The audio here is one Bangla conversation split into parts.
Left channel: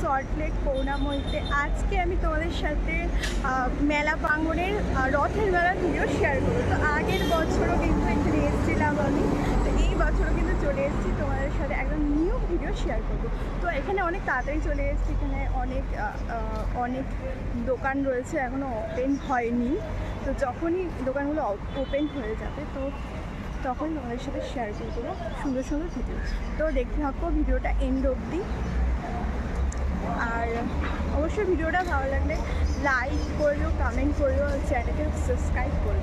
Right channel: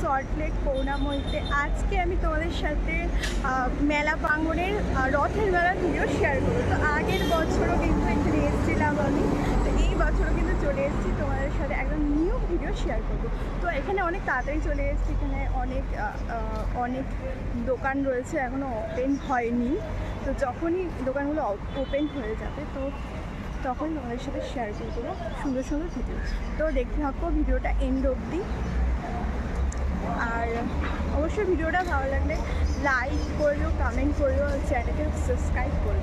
সল্টলেক পৌনামইতে। আজকে আমি তোমাদের সাথে মেলা প্রাঙ্গণের রথের মেলার ভিডিও শেয়ার করবো। তো আগের বছরও কিন্তু এখানে এসেছিলাম আমি, তো এই বছরও কিন্তু চলে এসেছি তোমাদের সাথে একদম নিউ ভিডিও শেয়ার করবো। তো এখানে অনেক তাড়াতাড়ি চলে এসেছি, এখানে অনেক দোকান রয়েছে, এখনও ওপেন হয়নি। তো যখনই দোকানগুলো ওপেন হয়ে যাবে তো তখন তোমাদের সাথে শেয়ার করে দেবো সুন্দর সুন্দর ভিডিও। তো দেখতে থাকো ভিডিওটা এন্ড অবধি। আর অবশ্যই ভিডিওটা ভালো লাগলে লাইক করো, কমেন্ট করো, চ্যানেলকে সাবস্ক্রাইব করো।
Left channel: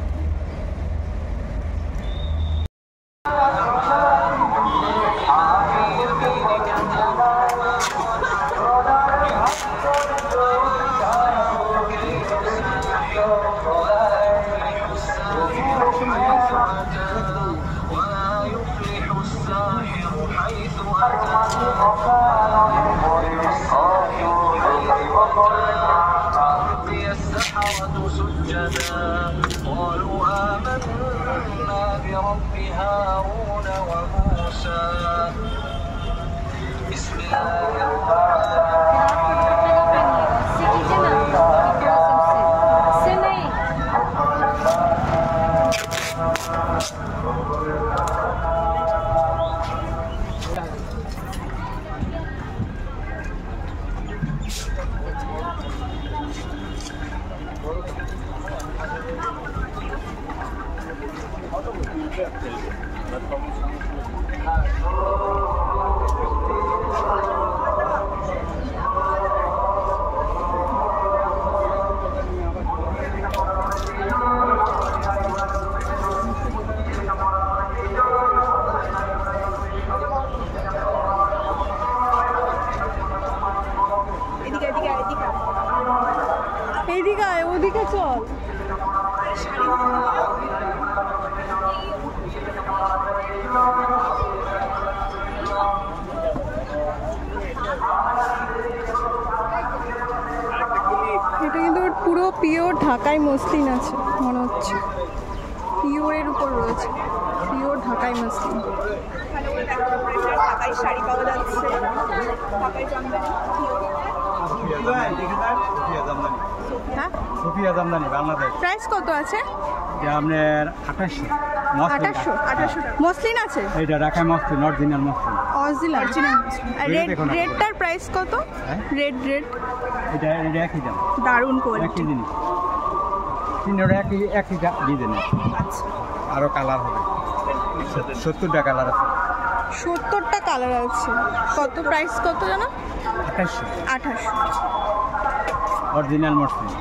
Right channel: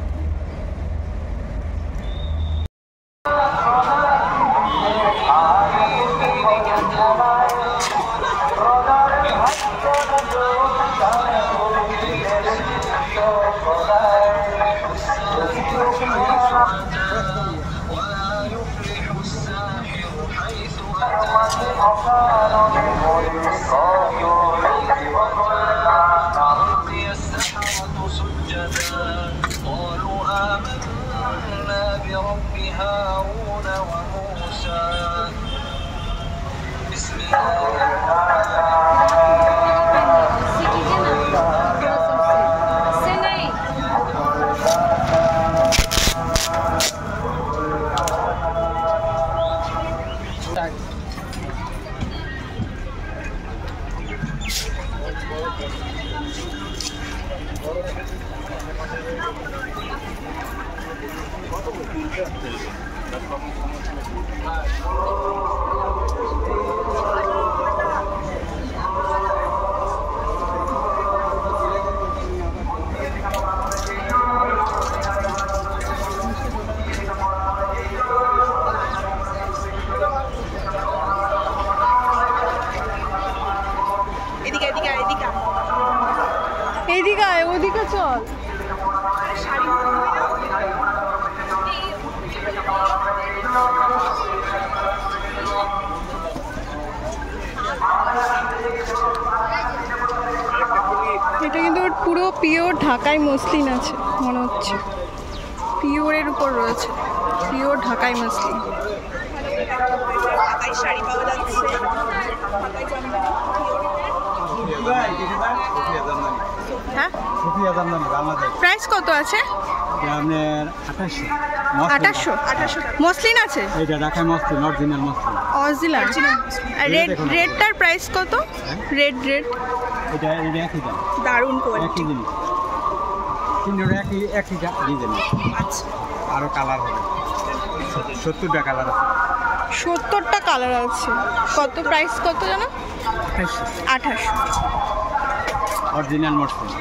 এদিকে আয়, ওদিকে চল। এটা কিন্তু পুরো পিওর ঢাকাই মসলিন আছে মনে হচ্ছে, পিওরের উপর রয়েছে, পিওর ঢাকাই মসলিন। শাড়ি পাওয়া যাচ্ছে, হ্যাঁ। প্রাইস কত আছে? আপনার 2800 মসলিন আছে। ওইটা ঢাকাই মসলিন, অরিজিনাল মসলিন। অরিজিনাল। রেডটার প্রাইস কত? রেড এটা একই দাম, দারুণ কোয়ালিটি, একই জিনিস, তিনটা একই ডিজাইন। আচ্ছা, আরো কালার হবে, 70টা কালার আছে। 70টা কালার আছে। কত প্রাইস কত জানো? 2800 অরিজিনাল মসলিন।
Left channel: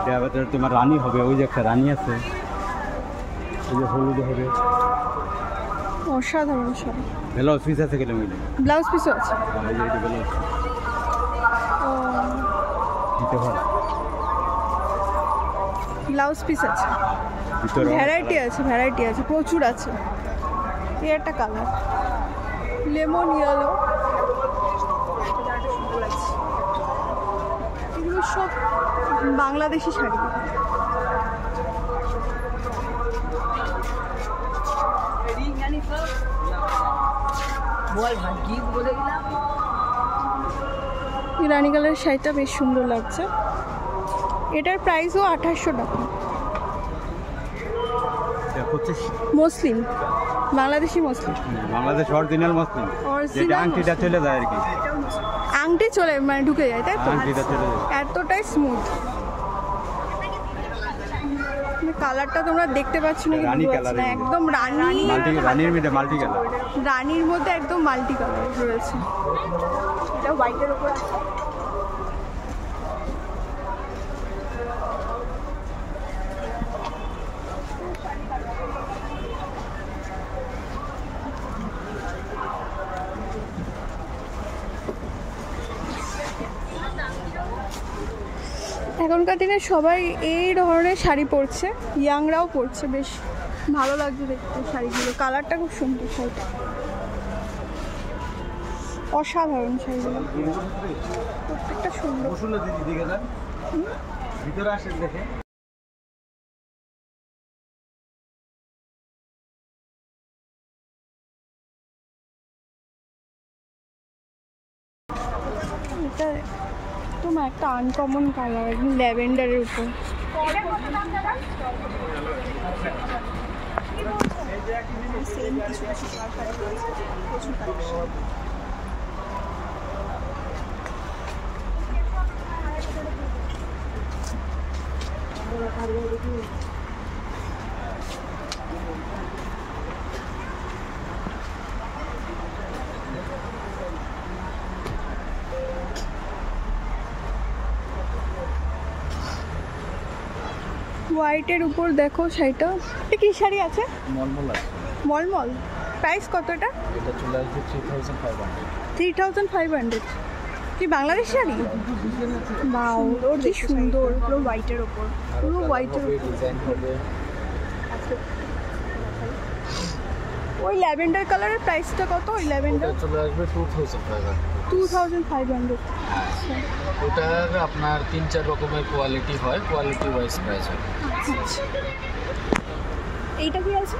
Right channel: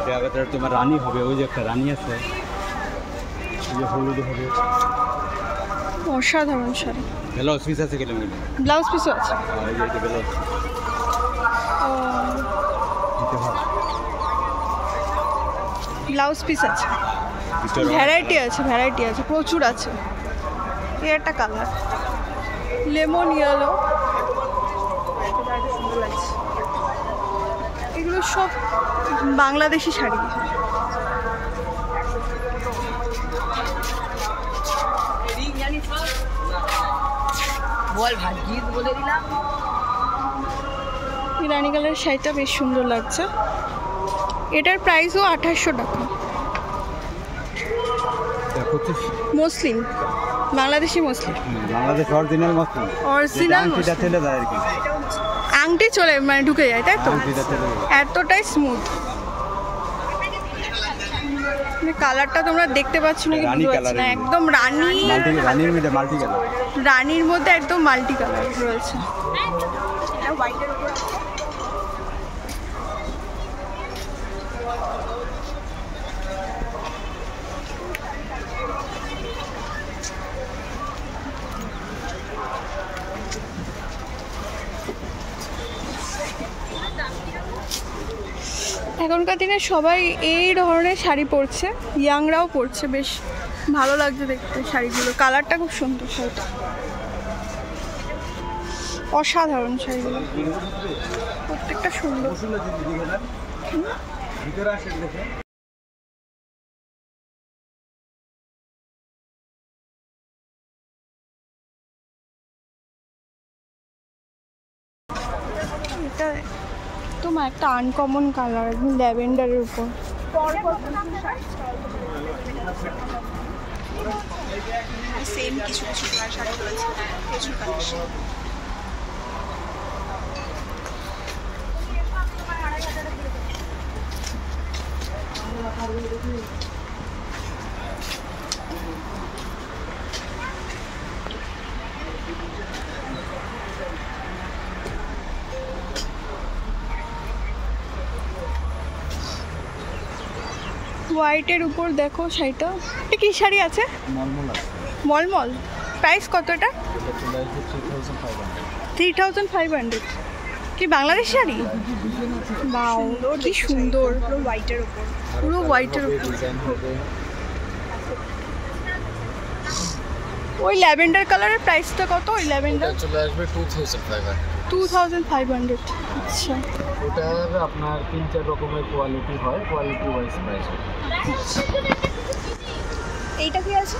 এটার ভেতরে তোমার রানী হবে, ওই যে একটা রানী আছে, ওই যে হলুদ হবে। অসাধারণ শাড়ি। ব্লাউজ পিস আছে কিলো মিলে, ব্লাউজ পিসও আছে। এই যে এটা ব্লাউজ ব্লাউজ পিস আছে, ভ্যারাইটি আছে, প্রচুর আছে। এই একটা কালার লেমন ইয়েলো, এগুলো সব বাংলাদেশি শাড়ি। রানী কালারের শাড়িটা বেশ সুন্দর লাগছে। এটার প্রাইসও 2800 টাকা। Muslin, Bangladeshi muslin, Bangladesh original muslin. আংটিটা চলে যায় আর কি, আংটি চলে মানে ঢুকে যায়, তাই তো? আংটিটা চলে যায়, এতটাই স্মুথ। কালারটা তোমরা দেখতে পাচ্ছ না কি বুঝতে পারছি না, একদম রানীর মধ্যে মাল্টি কালার, রানীর মধ্যে একদম মাল্টি কালার রয়েছে। এটা হোয়াইটের উপর এখনকার দিনে সবাই এই ধরনের শাড়ি পরছে, ইয়াংরাও পরছে, বেশ ভালো লাগছে দেখতে শাড়িগুলো। কালারটা খুব সুন্দর, শাড়িটা অসাধারণ শাড়িগুলো, প্রত্যেকটা সুন্দর। মা একটা আনকমন কালার, একদম ল্যাভেন্ডারের উপর। সেম কিছু কিছু শাড়ি রয়েছে, প্রচুর কালেকশন। হোয়াইটের উপর দেখো শাড়িটা, এটা কি শাড়ি আছে? মলমল। প্রাইস কত এটা? 3500। কি বাংলাদেশ শাড়ি? বাও, কি সুন্দর, পুরো হোয়াইটের উপর। পুরো হোয়াইটের উপর। ওই ল্যাভেন্ডার কালারের প্রাইসটা কত? ওই ল্যাভেন্ডার চলে আসবে 2500। 2500। আচ্ছা, ওটার আপনার 3-4 রকমের কোয়ালিটি হয়, কোয়ালিটি ওয়াইজ প্রাইস হয়। এইটা কি আছে?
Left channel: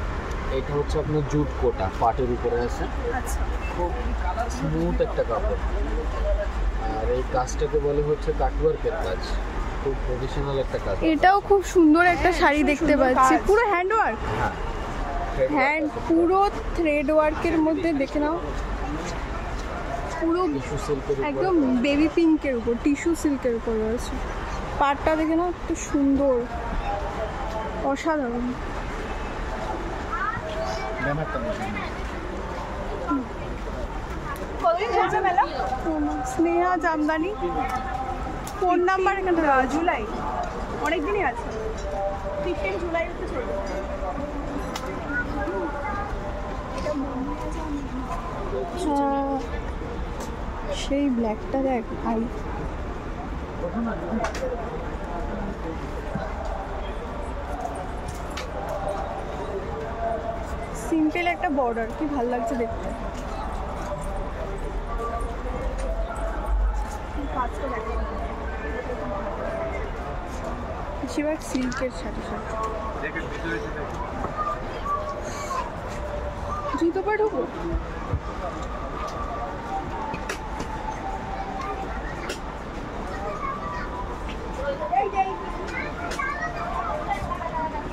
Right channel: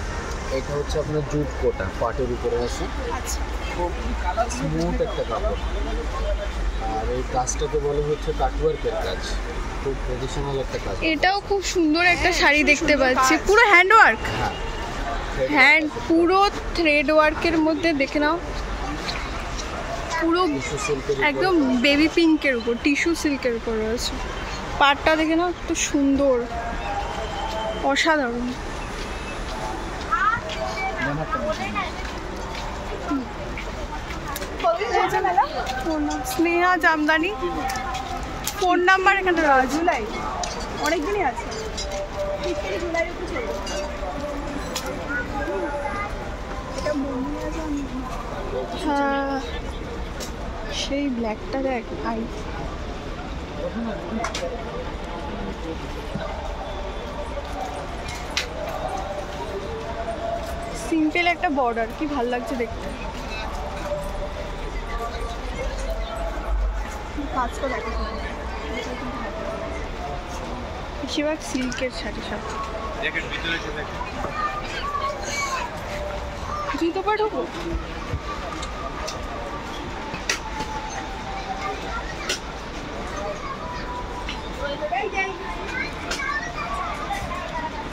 এটা হচ্ছে আপনার জুট কোটা, পাটের উপরে আছে, আচ্ছা, খুব স্মুথ একটা কাপড়। আর এই কাজটাকে বলে হচ্ছে কাটওয়ার্কের কাজ, খুব ট্রেডিশনাল একটা কাজ। এটাও খুব সুন্দর একটা শাড়ি দেখতে পাচ্ছি, পুরো হ্যান্ড ওয়ার্ক, হ্যান্ড পুরো থ্রেড ওয়ার্কের মধ্যে। দেখে নাও, পুরো একদম বেবি পিঙ্কের উপর, টিস্যু সিল্কের উপর রয়েছে। পাটটা দেখে নাও, একটু সুন্দর, অসাধারণ। স্নেহা জামদানি, ফোন নাম্বার এখানে রয়েছে। জুলাই অনেক দিনই আছে, 15 জুলাই হচ্ছে। হ্যাঁ, সেই ব্ল্যাকটা দেখ। আই সিম্পল একটা বর্ডার, কি ভাল লাগছে দেখতে। কাজটা দেখো, বেশিরভাগ সিল্কের শাড়ি সব। জুতো পা ঢুকো।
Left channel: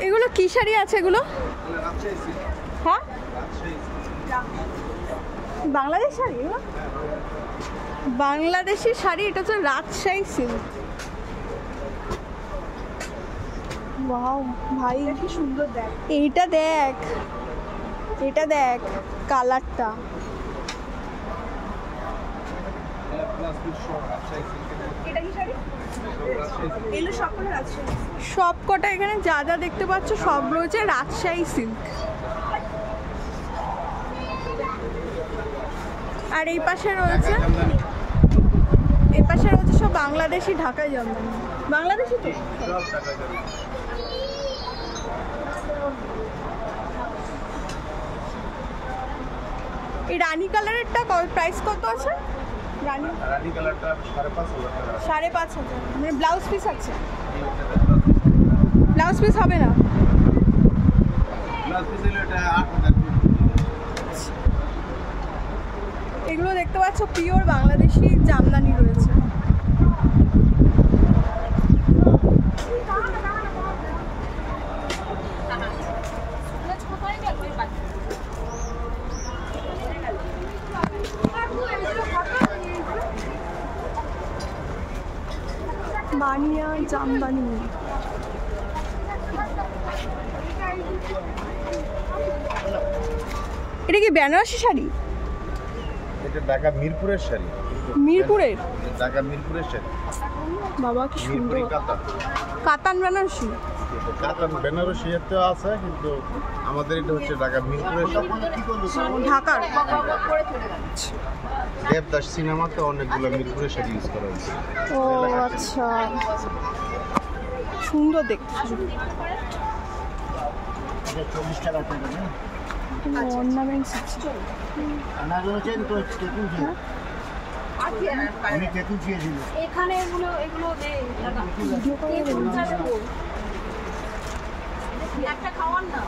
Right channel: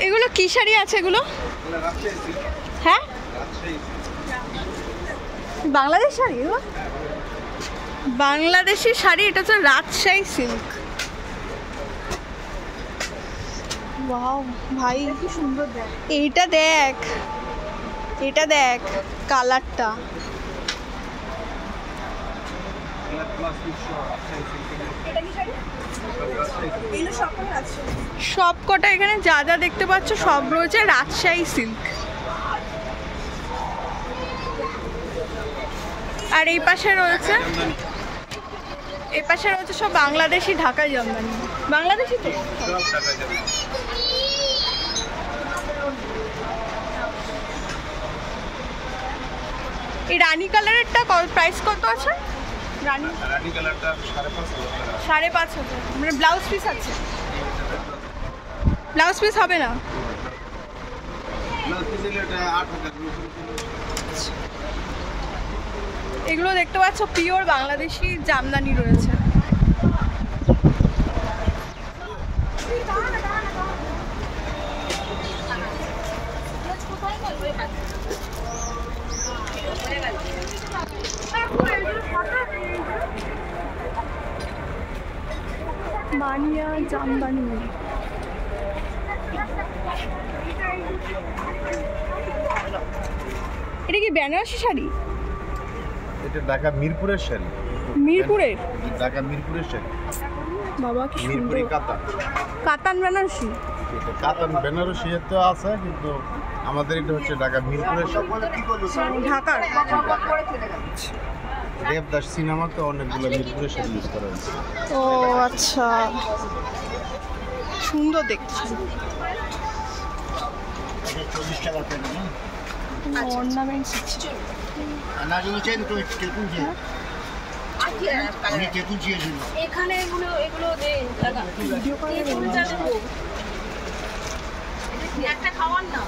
এগুলো কি শাড়ি আছে এগুলো? হ্যাঁ, বাংলাদেশ শাড়ি এগুলো? বাংলাদেশি শাড়ি, এটা হচ্ছে রাজশাহী সিল্ক। ওয়াও ভাই, কি সুন্দর দেখ। এইটা দেখ, এটা দেখ কালারটা। এটা কি শাড়ি? এগুলো সব কালার আছে। সব কটা এখানে যা যা দেখতে পাচ্ছ সব রয়েছে রাজশাহী সিল্ক। আর এই পাশে রয়েছে, এই পাশে রয়েছে সব বাংলাদেশি ঢাকা জামদানি। বাংলাদেশি তো। এই রানী কালারেরটা প্রাইস কত আছে? রানী কালারটা 5,500। মানে ব্লাউজ পিস আছে? ব্লাউজ পিস হবে না? এগুলো দেখতে পাচ্ছ পিওর বাংলাদেশি জামদানি রয়েছে। বানিয়া জামদানি। এটা কি বেনারসি শাড়ি? এটা ঢাকা মিরপুরের শাড়ি। মিরপুরের? ঢাকা মিরপুরের শাড়ি। বাবা কি সুন্দর, মিরপুরি কাতান। কাতান বেনারসি। কাতান বেনারসি তো আছে, কিন্তু আমাদের এটা হচ্ছে ঢাকা মিরপুরের শাড়ি। ঢাকার দেবদাস সিনেমাতে অনেকগুলো মিরপুরের শাড়ি ইউজ করা হয়েছে। ও আচ্ছা, সুন্দর দেখছি। 40 টাকা করে না? অর্নামেন্টস আছে। এখানে এগুলো এগুলো দে টাকা ভিডিও করে দেবো। একটা খাওয়ান না।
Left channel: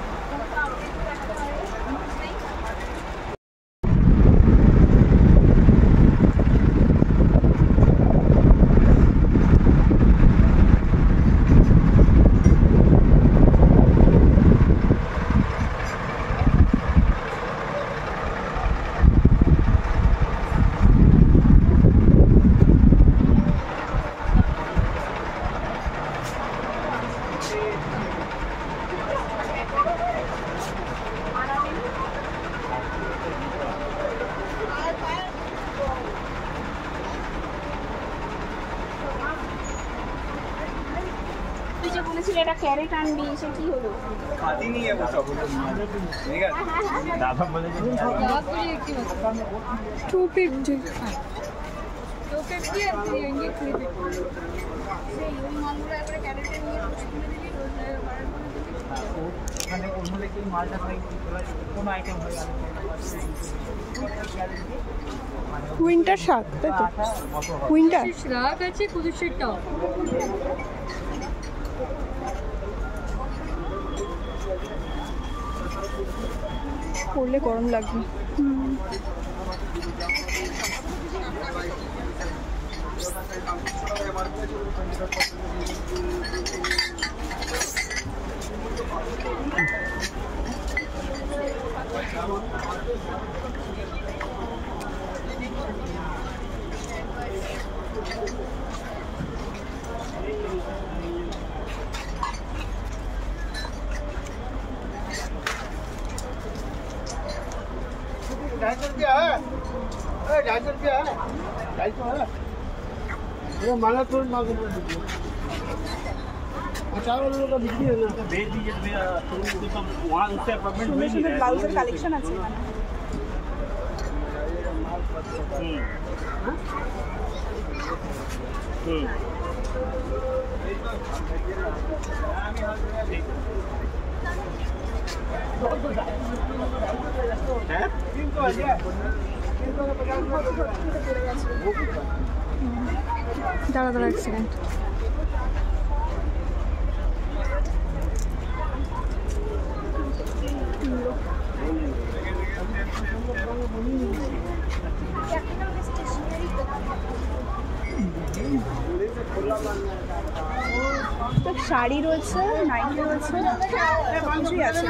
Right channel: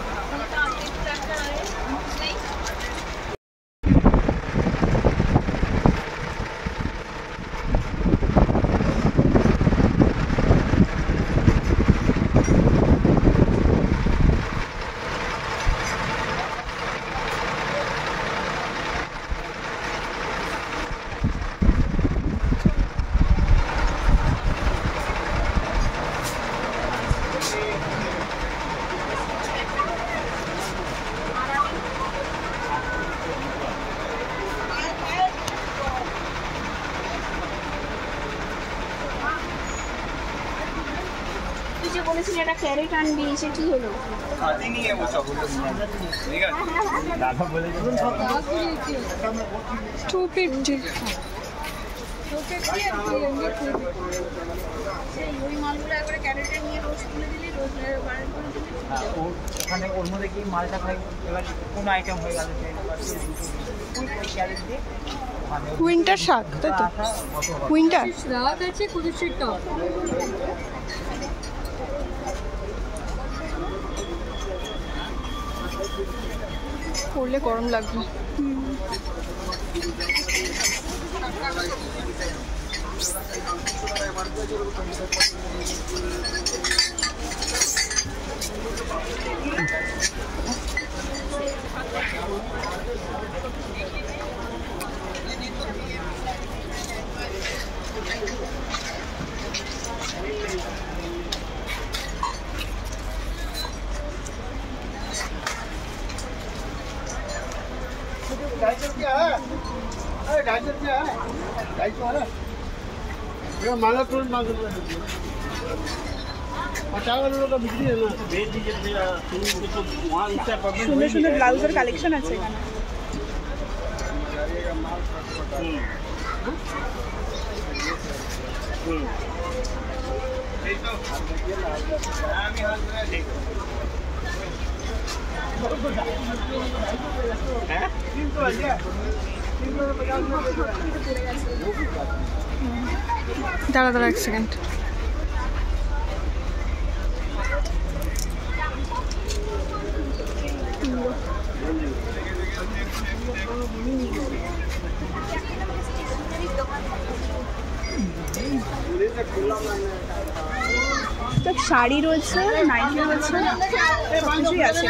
তুই যে বলেছিলি একটা ক্যারেট আনবি, সে কি হলো? সেই ওই মালগুলো একবারে ক্যারেটে নিয়ে রোজ তুলে দিলি, রোজ বারণ করে দিলি। ওখানে ওর মধ্যে কি মালটা খাই, এবার কোন আইটেম হয়ে গেল উইন্টার শাক, তাই তো? উইন্টার শাক আছে, কুদুসের টক। করলে গরম লাগবে। मांगा तो मांग बिक्री है ना। সুন্দর সুন্দর ব্লাউজের কালেকশন আছে এখানে। দাঁড়া দাঁড়া এক সেকেন্ড। তো শাড়ি রয়েছে, নাইটি রয়েছে, কিছুই আছে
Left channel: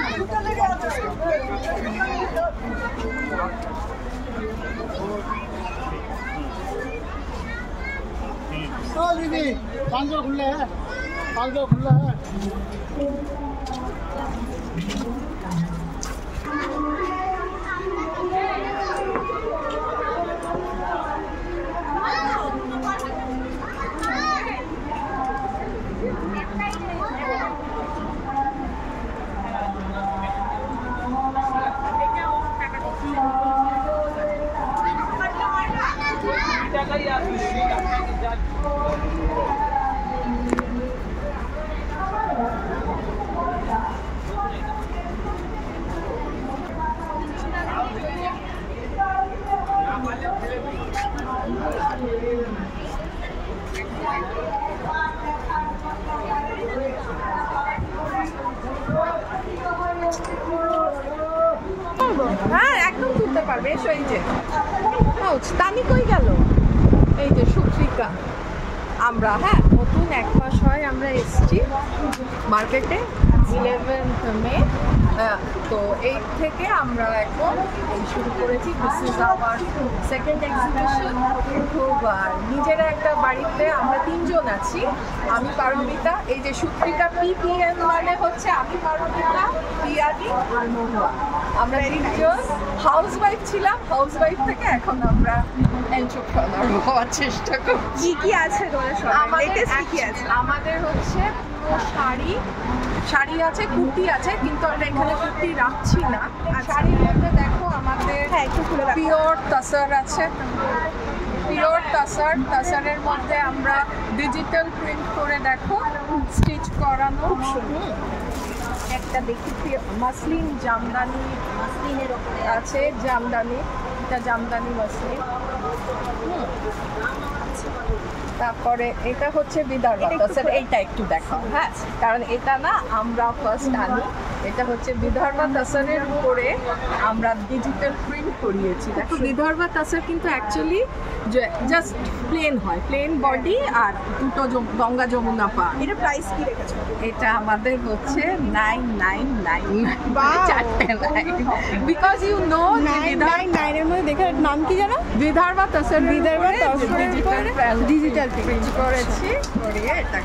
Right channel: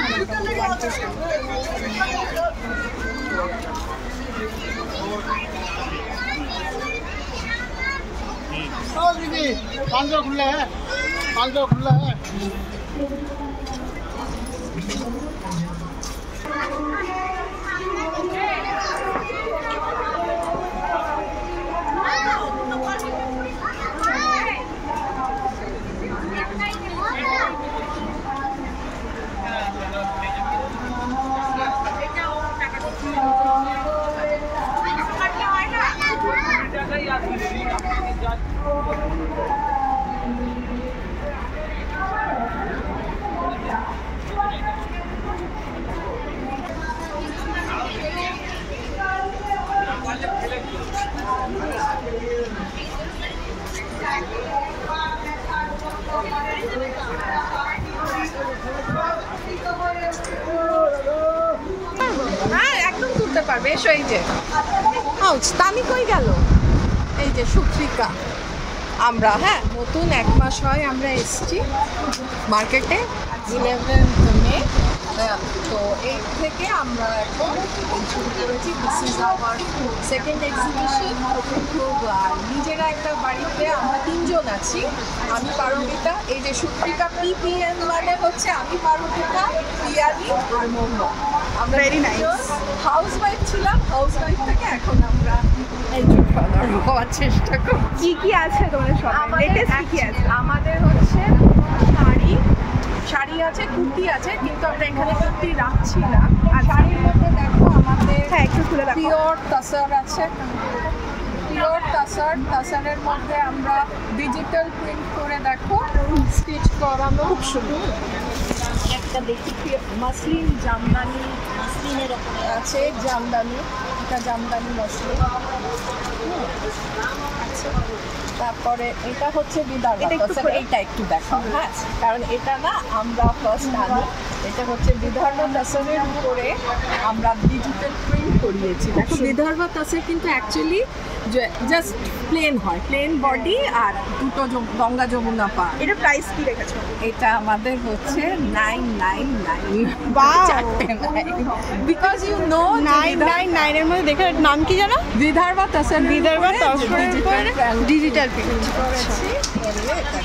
पाँच सौ खुला है, 500 खुला है। হ্যাঁ একদম তুলতে পারবে। এসো, এই যে তানি কই গেল, এই যে সুত্রিকা। আমরা নতুন 1 মাস হয় আমরা এসছি মার্কেটে, 11th মে। তো এই থেকে আমরা এখন শুরু করেছি। This is our second exhibition. খুব নিজেরা একটা বাড়িতে আমরা 3 জন আছি। আমি পারমিতা, এই যে সুত্রিকা। PPN মানে হচ্ছে আমি পারমিতা, পিয়ালি আর মহুয়া। আমরা হাউস ওয়াইফ ছিলাম, হাউস ওয়াইফ থেকে এখন আমরা এন্টারপ্রেনার হওয়ার চেষ্টা করছি। কি কি আছে তোমার সব? আমাদের হচ্ছে শাড়ি আছে, কুর্তি আছে, কিন্তু আমরা এখানে কুর্তি রাখছি না। শাড়ির মধ্যে দেখো আমাদের পিওর তাসার আছে, পিওর তাসারের মধ্যে আমরা ডিজিটাল প্রিন্ট করে দেখো স্টিচ করানো, খুব সুন্দর। একটা দেখি মাসলিন জামদানি, মাসলিনের ওপরে আছে জামদানি, এটা জামদানি মাসলিন। তারপরে এটা হচ্ছে বিদর্ভ তাসার, এইটা একটু দেখাও। হ্যাঁ, কারণ এটা না আমরা ফার্স্ট আনি। এটা হচ্ছে বিদর্ভ তাসারের উপরে আমরা ডিজিটাল প্রিন্ট করিয়েছি। দেখো বিদর্ভ তাসার কিন্তু অ্যাকচুয়ালি জাস্ট প্লেন হয়, প্লেন বডি আর দুটো গঙ্গা যমুনা পা। এটা প্রাইস কি রেখেছো? এটা আমাদের হচ্ছে 999, 4টে 9, বিকজ ইউ নো 999 এর মধ্যে দেখে নাম কি জানো? বিদর্ভ তাসার, বিদর্ভ তাসারের উপরে ডিজিটাল প্রিন্ট করেছি। করিয়ে এটা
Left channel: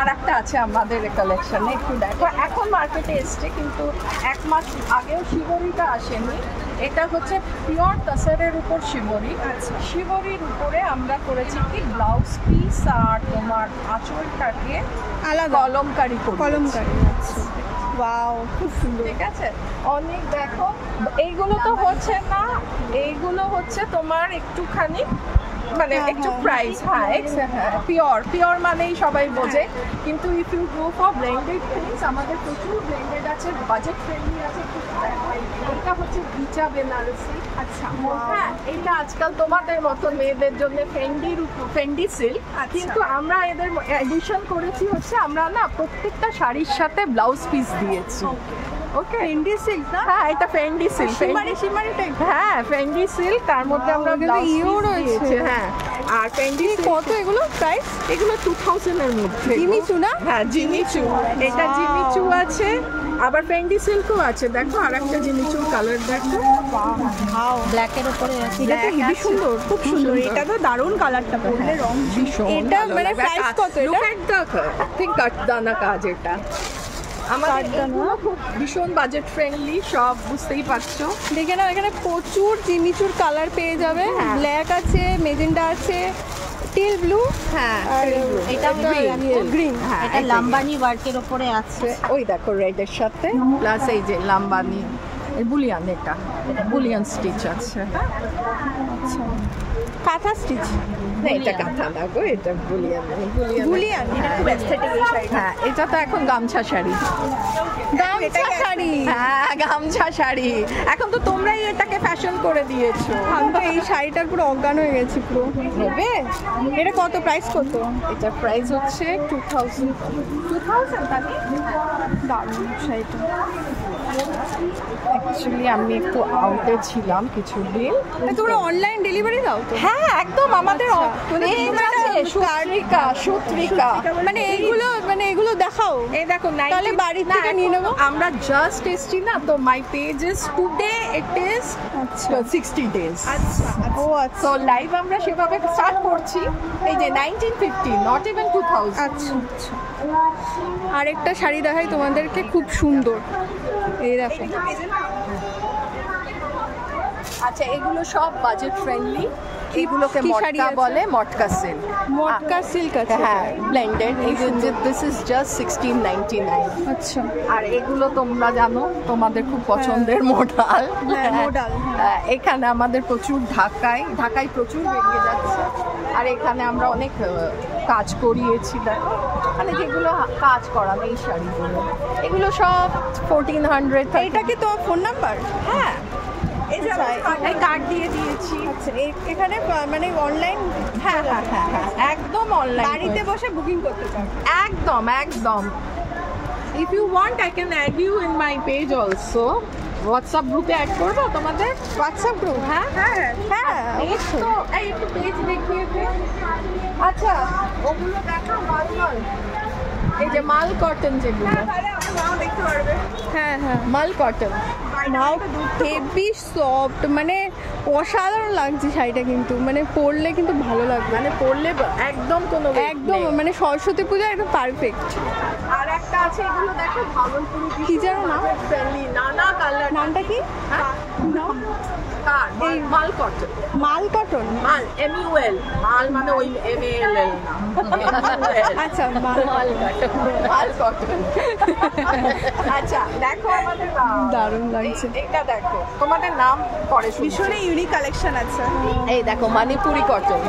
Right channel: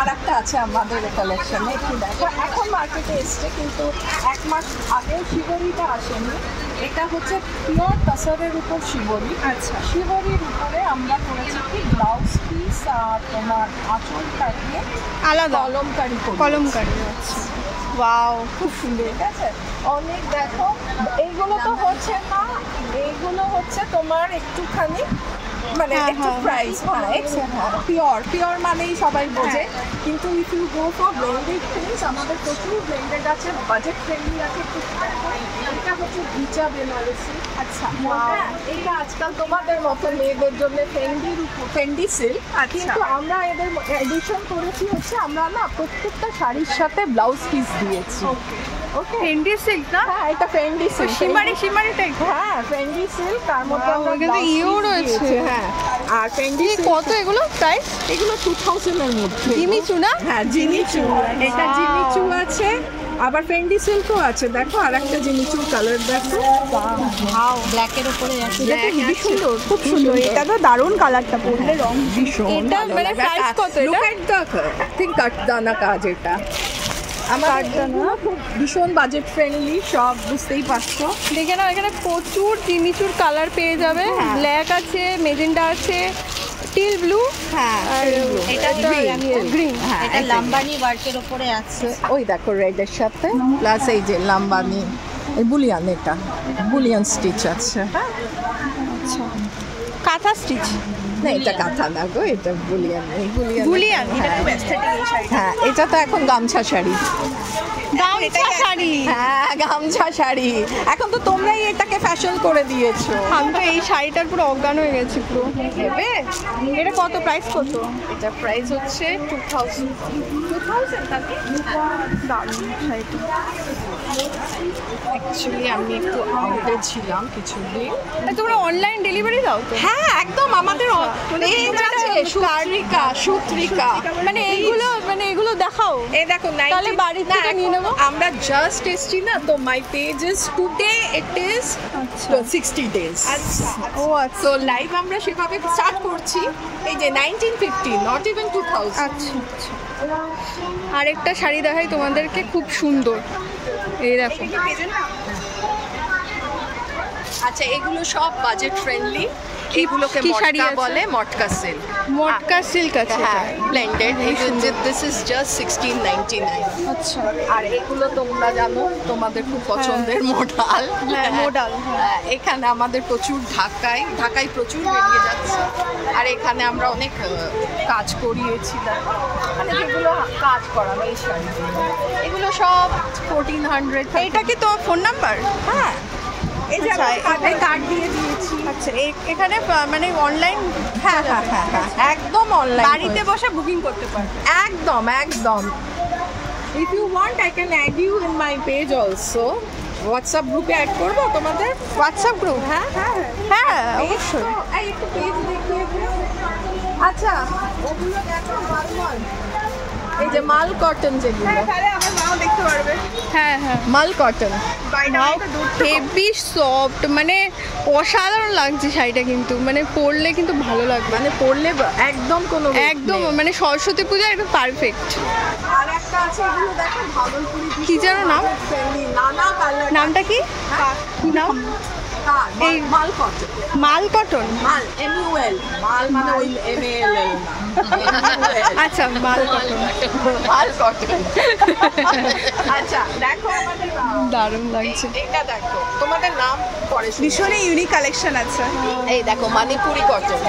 আর একটা আছে আমাদের কালেকশনে, একটু দেখো। এখন মার্কেটে এসছে, কিন্তু 1 মাস আগেও শিবরিটা আসেনি। এটা হচ্ছে পিওর তাসারের উপর শিবরি। শিবরির উপরে আমরা করেছি কি ব্লাউজ পিস আর তোমার আঁচলটা দিয়ে আলাদা কলমকারি করি। কলমকারি, আচ্ছা ওয়াও খুব সুন্দর। ঠিক আছে, অনেক দেখো। এইগুলো তো হচ্ছে না, এইগুলো হচ্ছে তোমার একটুখানি মানে হ্যাঁ, একটু হ্যাঁ। প্রাইস, হ্যাঁ পিওর মানেই সবাই বোঝে। কিন্তু if you go for blended things, আমাদের প্রচুর ব্লেন্ডেড আছে, বাজেট ফ্রেন্ডলি আছে। এটা হচ্ছে ভিচা বেনারসি। আচ্ছা, এটা আজকাল তোমাদের মতো মেয়েদের জন্য ফেন্ডি সিল্ক, কিন্তু আমরা এদের এডিশন করেছি হচ্ছে আমরা না প্রত্যেকটা শাড়ির সাথে ব্লাউজ পিস দিয়েছি। ওকে, ফেন্ডি সিল্ক না? হ্যাঁ এটা ফেন্ডি সিল্ক, শিমারি টাইপ। হ্যাঁ ফেন্ডি সিল্ক, তার মধ্যে Wow, আমরা এখানে blouse ইয়েও piece রয়েছে। দিয়েছি, হ্যাঁ। আর ফেন্ডি কত এগুলো প্রাইস? এগুলো 2000 এর মধ্যে। জিমিচু না? হ্যাঁ জিমিচু, এটা Wow. জিমিচু আছে, আবার ফেন্ডি সিল্কও আছে। দেখো আর একটা জিমিচুর কালার দেখো, ওয়াও, ব্ল্যাকের উপরে আছে। এটা তো হেভি সুন্দর, খুব সুন্দর। সুন্দর। এটা তো দারুণ কালারটা, পরলে রং ভীষণ এটা ভালো মানে লাগে। প্রাইস কত এটা? Look at the, I think কাঠদানা কাজ এটা। আমাদের কাঠদানা? এগুলো খুব ভীষণ বাজেট ফ্রেন্ডলি, সব বুঝতেই পারছো। দেখে নাও, এখানে প্রচুর জিমিচুর কালার পেয়ে যাবে। ব্ল্যাক আছে, মেজেন্ডা আছে, টিল ব্লু, হ্যাঁ আর এটা এটা গ্রিন। হ্যাঁ এটা লাম্বানি ওয়ার্কের উপরে আছে। ওই দেখো রেডের সাথে প্লাস এই যে লাম্বানি, এই বুলিয়ান, এটা বুলিয়ান স্টিচ আছে। আচ্ছা, কাঁথা স্টিচ, না এটা কাঁথা না গো, এটা বুলিয়ান। এই বুলিয়ান। এটা খুব এস্থেটিক এই শাড়িটা। হ্যাঁ এটা তো এখন গামছা শাড়ি। গামছা শাড়ি। হ্যাঁ গামছা শাড়ি, এখন তো তোমরাই এটাকে ফ্যাশন করে দিয়েছো। আমি তো এই শাড়িটার পুরো অজ্ঞান হয়ে গেছি পুরো। নেবে? এটা কত প্রাইস কত? এটা প্রাইস হচ্ছে 2000। দারুণ শাড়িটা। অ্যাকচুয়ালি আমি একটু আউটে ছিলাম কিছুদিন। তোমরা অনলাইন ডেলিভারি দাও তো? হ্যাঁ একদম, আমাদের মানে এই তোমরা যে একটা সূত্রিকা মানে এগুলো দেখাও। এই দেখো তাহলে বাড়ি থেকে নিয়ে নেবো। আমরা জাস্ট এসছি না, তো my page is today it is আচ্ছা 60 ডেজ। ও আচ্ছা তো লাইভ আমরা সেভাবে স্টার্ট করছি। এই যে 1950, নট ইভেন 2000। আচ্ছা আচ্ছা। আরেকটা শাড়ি দেখাই তোমাদেরকে, খুব সুন্দর। এই দেখো, আচ্ছা এগুলো সব বাজেট ফ্রেন্ডলি। এগুলোকে কি শাড়ি মটকা আছে? বলে, মটকা সিল্ক। মটকা সিল্ক আছে। হ্যাঁ ব্লেন্ডেড। This is just 1699। আচ্ছা, আর এগুলো তোমরা জানো, তোমাদের খুব পছন্দের মোডাল। হ্যাঁ মোডাল। এখানে আমাদের প্রচুর ঢাকায় প্রচুর বেরিয়ে যাচ্ছে। আর এখানে আমরা অনেক কাজ করিয়েছি, দেখো মানে যেগুলো কাজ করা এই শাড়িগুলো, এগুলো সব 1400। এইটা কি তোমার ফোন নাম্বার? হ্যাঁ এই যে আচ্ছা, আমি কার্ড দিয়ে দিয়েছি। আচ্ছা, এখানে মানে অনলাইন হ্যাঁ একদম অনলাইন, বাড়িতে বসে বুকিং করতে পারবে। একদম একদম। If you want I can add you in my page also. WhatsApp গ্রুপে অ্যাড করবো তোমাদের? WhatsApp group? হ্যাঁ হ্যাঁ অবশ্যই। তো এই একটু পেজ দেখিয়ে দে। আচ্ছা ওগুলো দেখো মাল, এই যে মাল কটন যেগুলো, হ্যাঁ হ্যাঁ, মাল কটন। হেভি সফট, মানে অসাধারণ লাগছে শাড়িটা, কিন্তু মানে পরলে কিন্তু ভালো লাগবে। মানে পরলে একদম কোনো একদম মানে সরস্বতী পূজা একদম পারফেক্ট। আর একটা আছে এগুলো দেখো ভাগলপুরি, কি যেন নাম? ফ্রেন্ডলি, নানা কালার। নামটা কি? কি নাম? এই মাল কটন। মাল কটন। মাল MUL, মাল মানে ওই MALL না। আচ্ছা, মাল কটন। মাল কটন। আচ্ছা দেখো আমাদের দারুণ লাগছে। এটা দেখো, তোমাদের নাম পরে শুনছি। ভীষণই ইউনিক কালেকশন আছে। এই দেখো মণিপুরি কটন,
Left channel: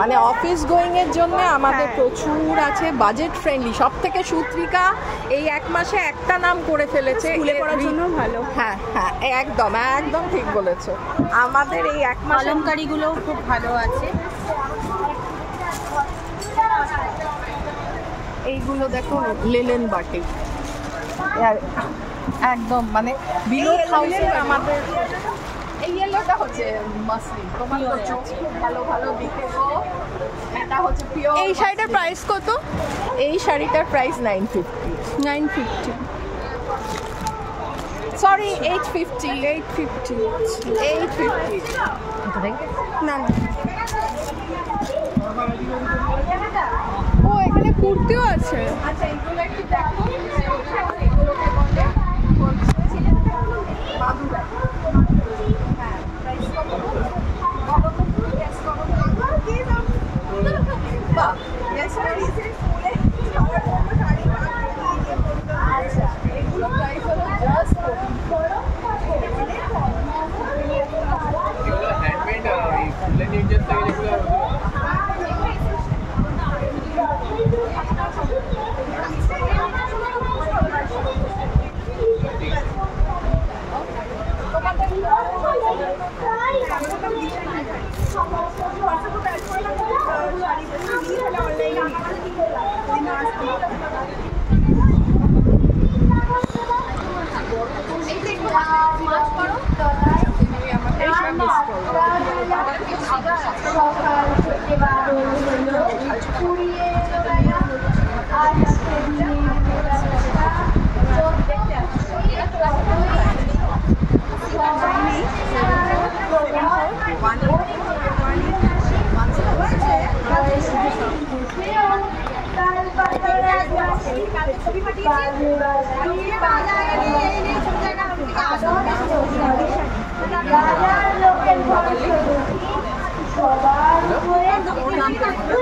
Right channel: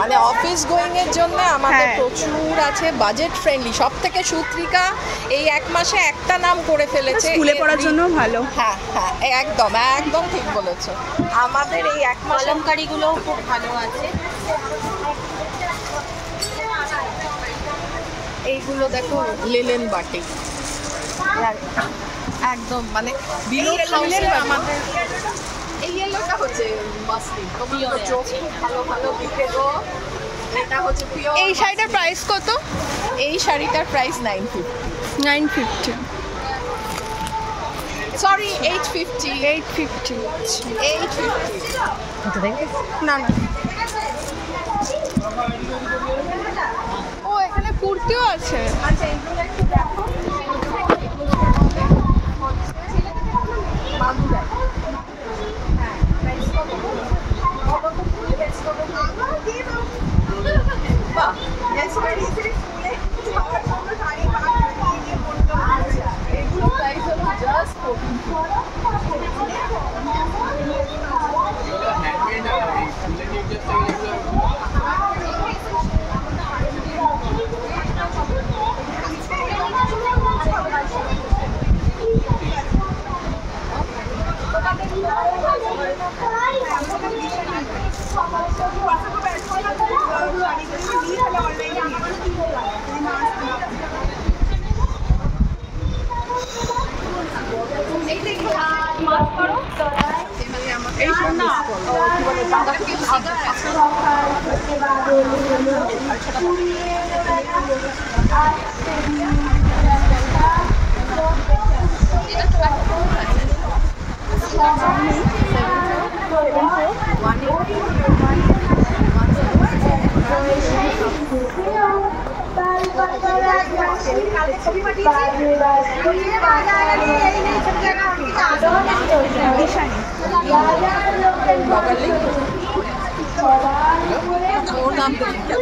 মানে অফিস গোয়িং এর জন্য আমাদের হ্যাঁ। প্রচুর আছে, বাজেট ফ্রেন্ডলি। সব থেকে সূত্রিকা এই 1 মাসে একটা নাম করে ফেলেছে, স্কুলে এর পড়ার জন্য ভালো। হ্যাঁ হ্যাঁ একদম একদম ঠিক বলেছো। আমাদের এই 1 মাসে কলমকারিগুলোও খুব ভালো আছে। এইগুলো দেখো লিলেন বাটিক, একদম মানে বিলো লিলেন বাটিক। আমাদের এই ইয়েলোটা হচ্ছে মাসলিন, তোমার তো চোখ খুব ভালো ভালো দিকে গো। এটা হচ্ছে পিওর। এই শাড়িটার প্রাইস কত? এই শাড়িটার প্রাইস 950। 950। সরি 850। 850। 850। না না, কুর্তিও আছে। আচ্ছা এগুলো একটু দেখো। এগুলো প্রাইস হলো জাস্ট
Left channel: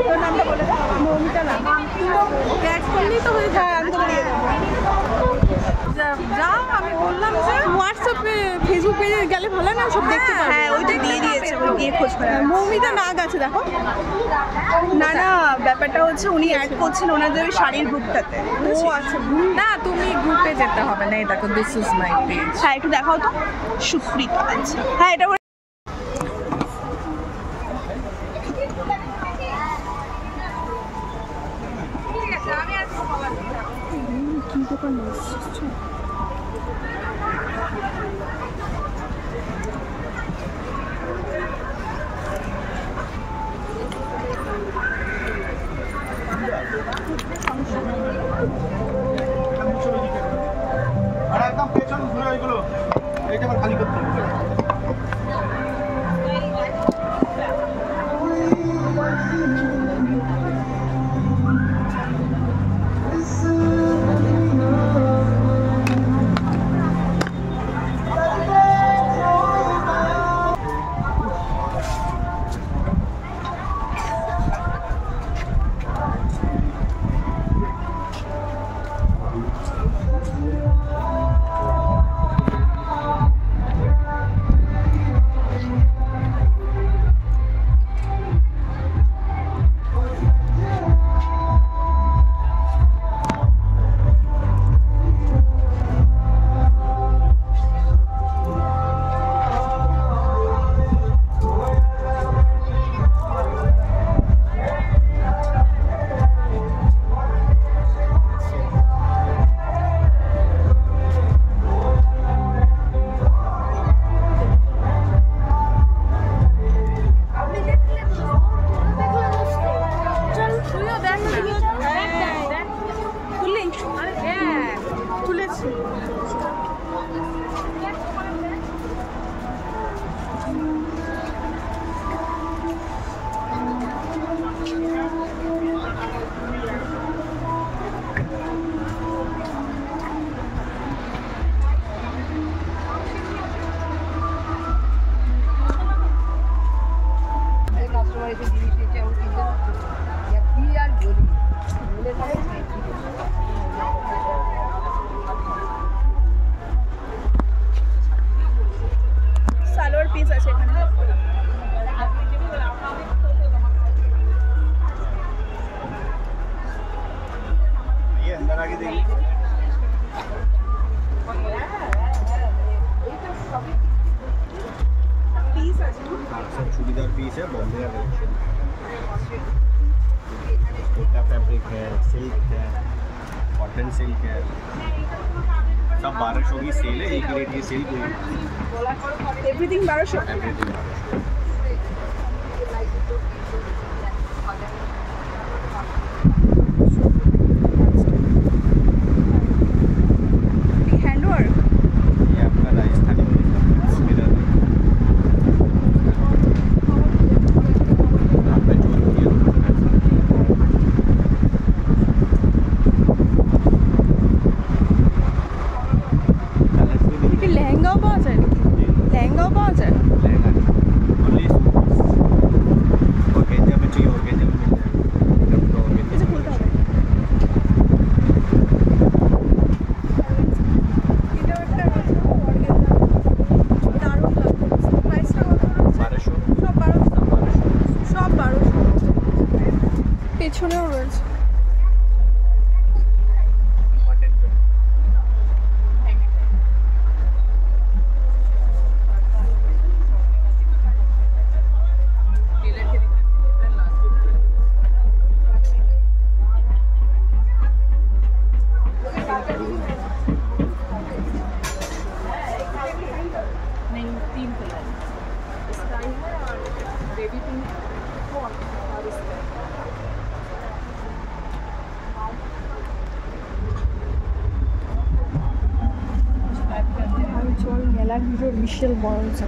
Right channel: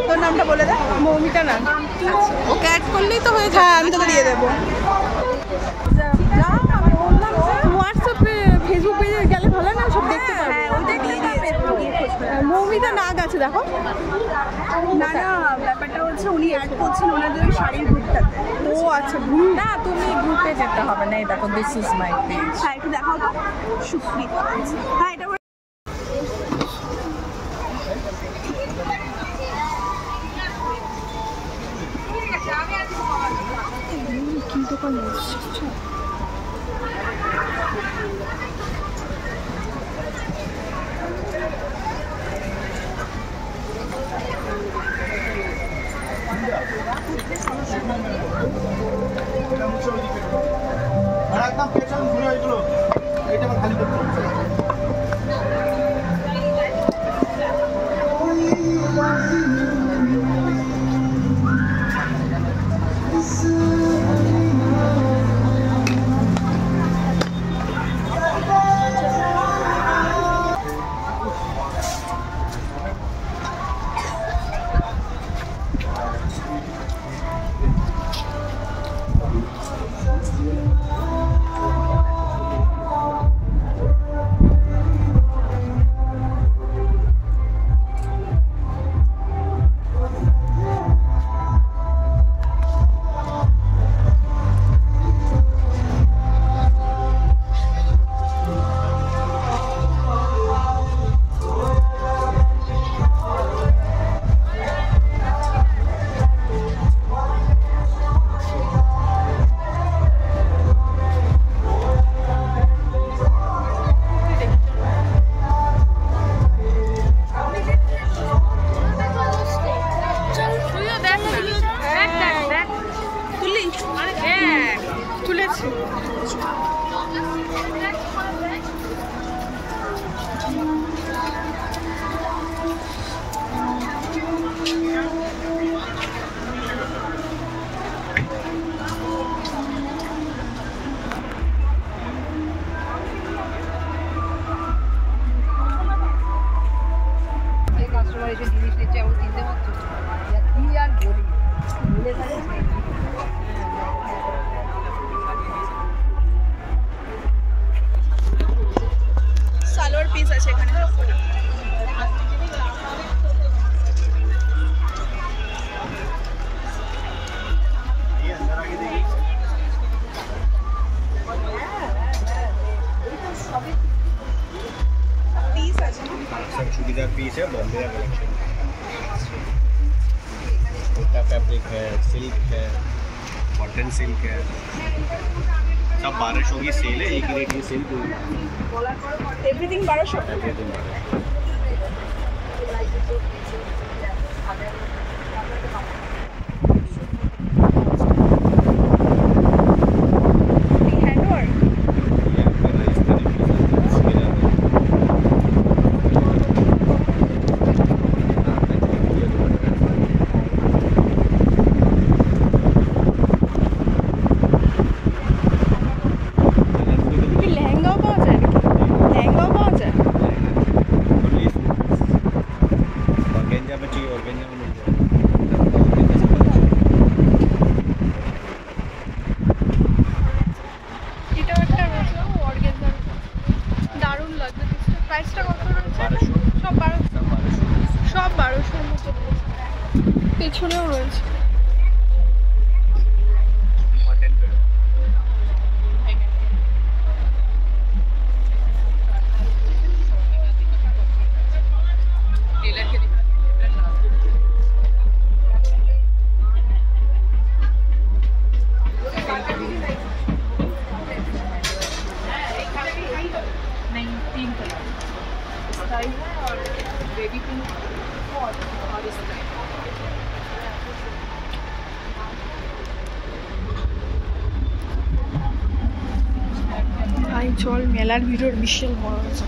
তোর নামটা বলে দে। মৌমিতা না ওকে অ্যাড করলেই তো হয়ে যায়। আমি তোকে দিয়ে দেবো। যা আমি বললাম যে হোয়াটসঅ্যাপে ফেসবুক পেজে গেলে ভালো না, সব দেখতে পারবো। হ্যাঁ ওইটা দিয়ে দিয়েছে, গিয়ে খোঁজ করে। মৌমিতা নাগ আছে দেখো। না না, ব্যাপারটা হচ্ছে উনি অ্যাড করছেন ওনাদের ওই শাড়ির গ্রুপটাতে। ও আচ্ছা, গ্রুপ না, তুমি গ্রুপে যেতে হবে না। এই দেখো, দিস ইজ মাই পেজ। হ্যাঁ একটু দেখাও তো। সুস্মিতা আছে। হ্যাঁ এটা কি দোকান এসেছে? আর একদম পেছন ঘুরে ওইগুলো এটা আবার খালি করতে হবে। তুলেছি। কাস্টমার এসে জিনিস নিচ্ছে, আমি কিনতে পারছি কি আর বলি, বলে থাকে সালোয়ার পিস আছে এখানে। ये अंदर आके देखिए। পিস আছে। सब चूड़ीदार पीस है, बॉम्बे का कलेक्शन है। फैब्रिक है, सिल्क है, कॉटन सिल्क है, सब 1200 की सेल है। एक रेट ये सेल कोई এভরিথিং 1200। হ্যান্ডওয়ার্ক ये आपका राजस्थानी পেছনেও রয়েছে। চল, মেলার ভিড়ের বিশাল বড় হয়েছে।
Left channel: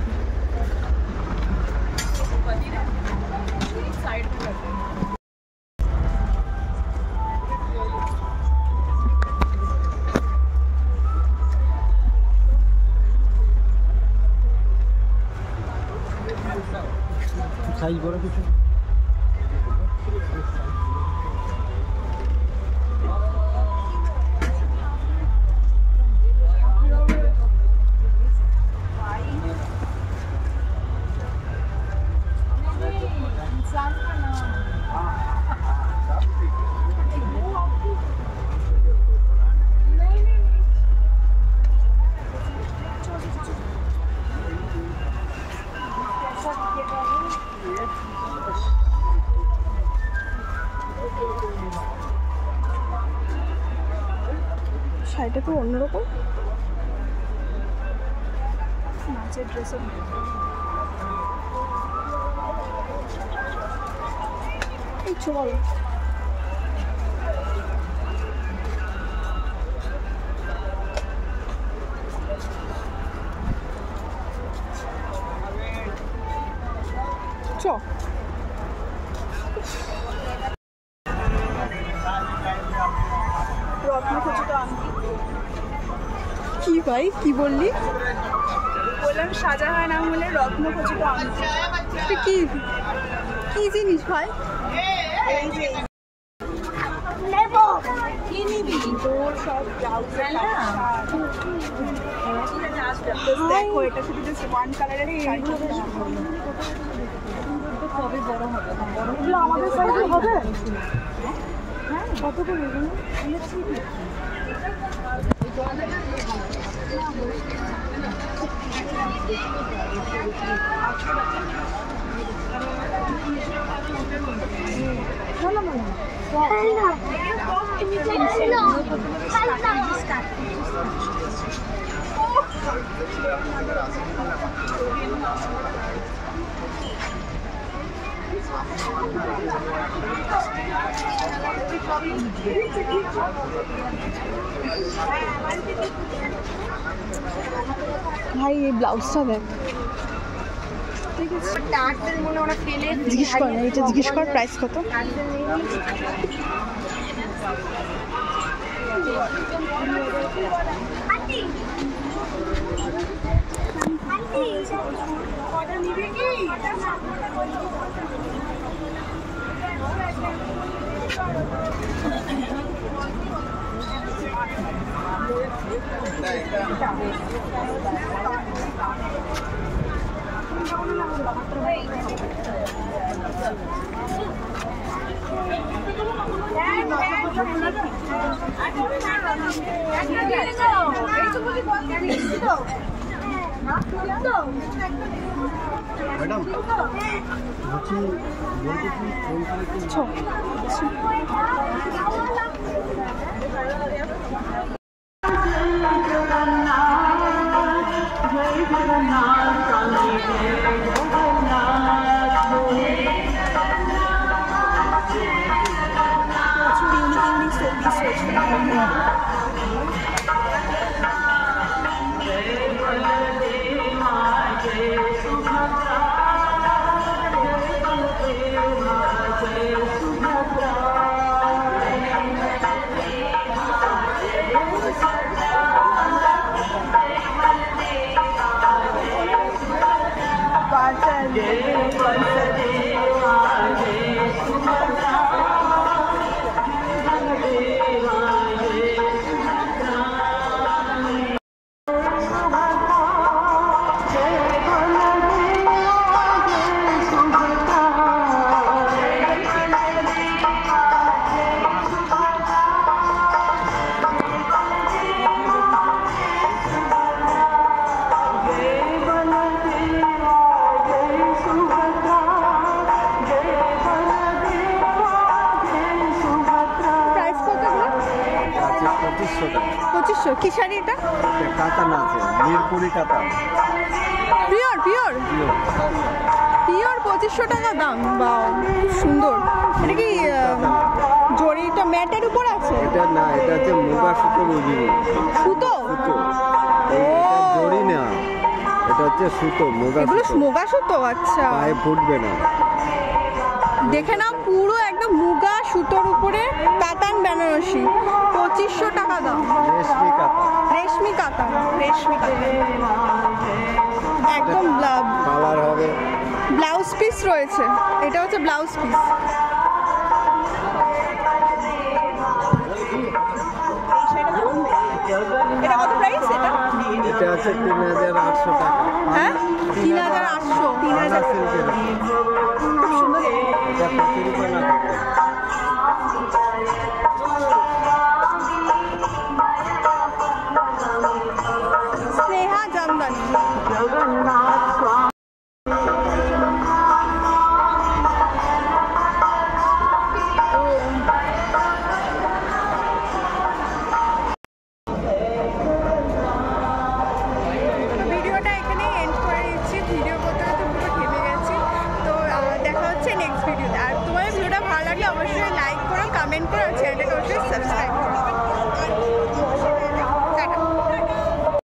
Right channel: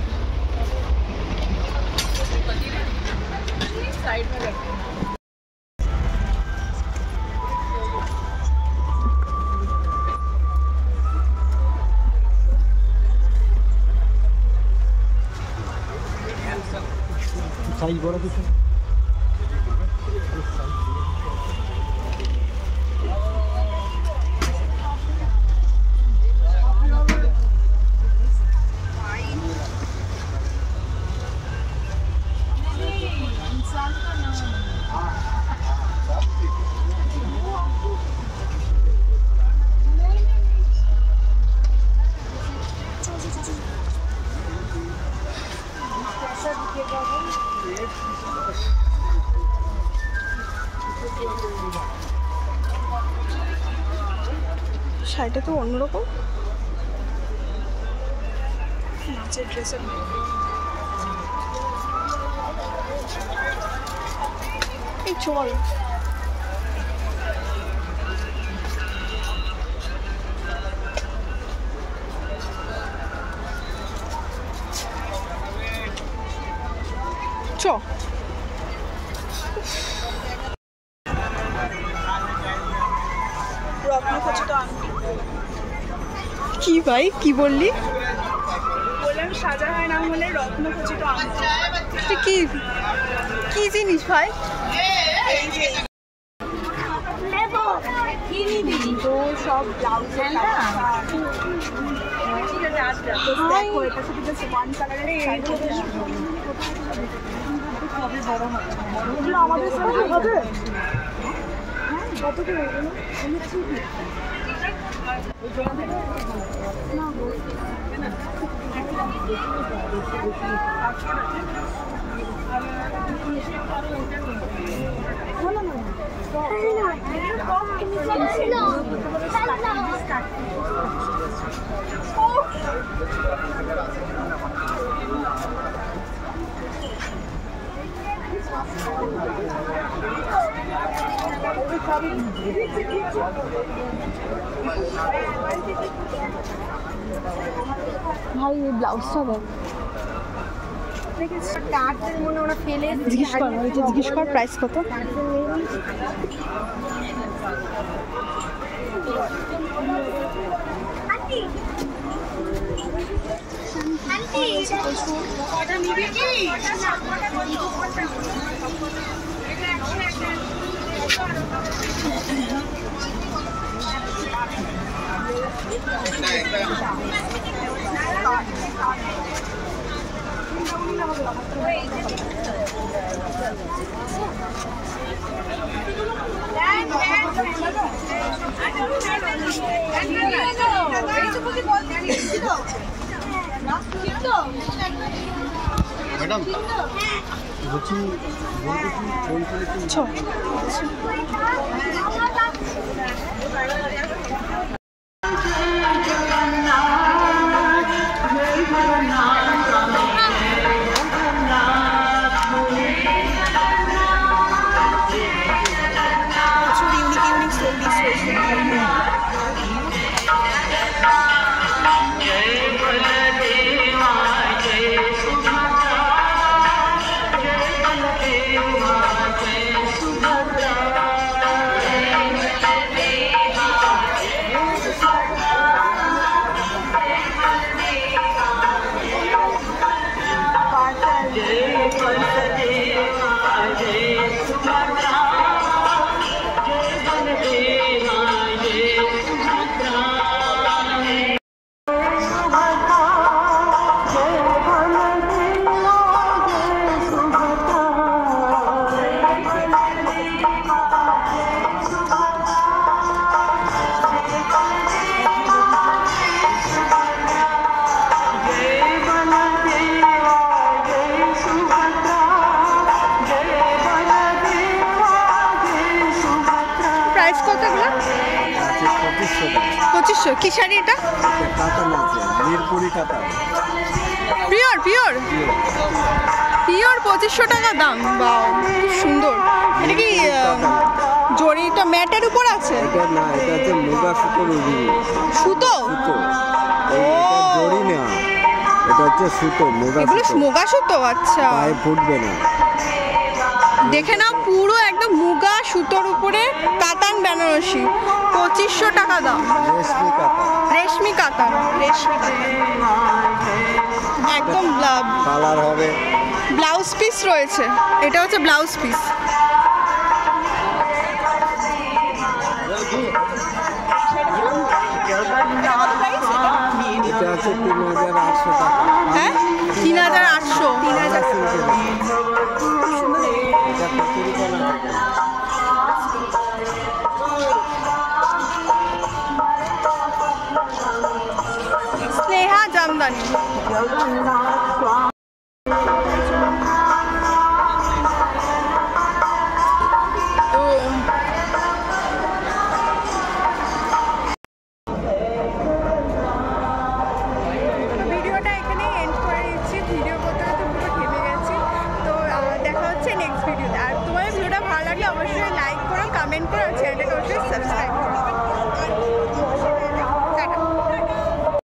সাইজ বড় কিছু শাড়িটা তো অন্যরকম, নাচের ড্রেসের। এই চল, চ। রত্নখচিত আংটি। কি ভাই, কি বললি? বললাম শাহজাহান আমলের রত্নখচিত আংটি। এটা কি কি জিনিস ভাই? এই যে কি নিবি তোর সব ব্লাউজ দেখো, এটা শুধু জাস্ট ওয়ান কালারের শাড়ি। কবে বড় হবে? এগুলো আমাদের সাইজে হবে? হ্যাঁ, কত করে এগুলো? ভাই এই ব্লাউজটা দেখ, জিজ্ঞেস কর না, এটা জিজ্ঞেস কর প্রাইস কত। मैडम প্রাইস কত এগুলো? 2500। কি শাড়ি এটা? কাতান আছে, মিরপুরি কাতান। পিওর 2500 টাকা দাম। বাহ, খুব সুন্দর। এটা কি জরিটা ম্যাটের উপর আছে? এটা না, এটা হচ্ছে মুগা সুতোর অরিজিনাল সুতো? সুতো। ও, জরি না, এটা হচ্ছে সুতো, মুগা এগুলো সুতো। মুগা সুতো? আচ্ছা, পায়ে ফুটবে না। দেখে নাও, পুরো একদম মুগা সুতোর উপরে কাতান বেনারসি, 2500 টাকা দাম। রেশমি কাতান, রেশমি কাতান, রেশমি একদম কালার হবে। ব্লাউজ পিস রয়েছে, এটা হচ্ছে ব্লাউজ পিস।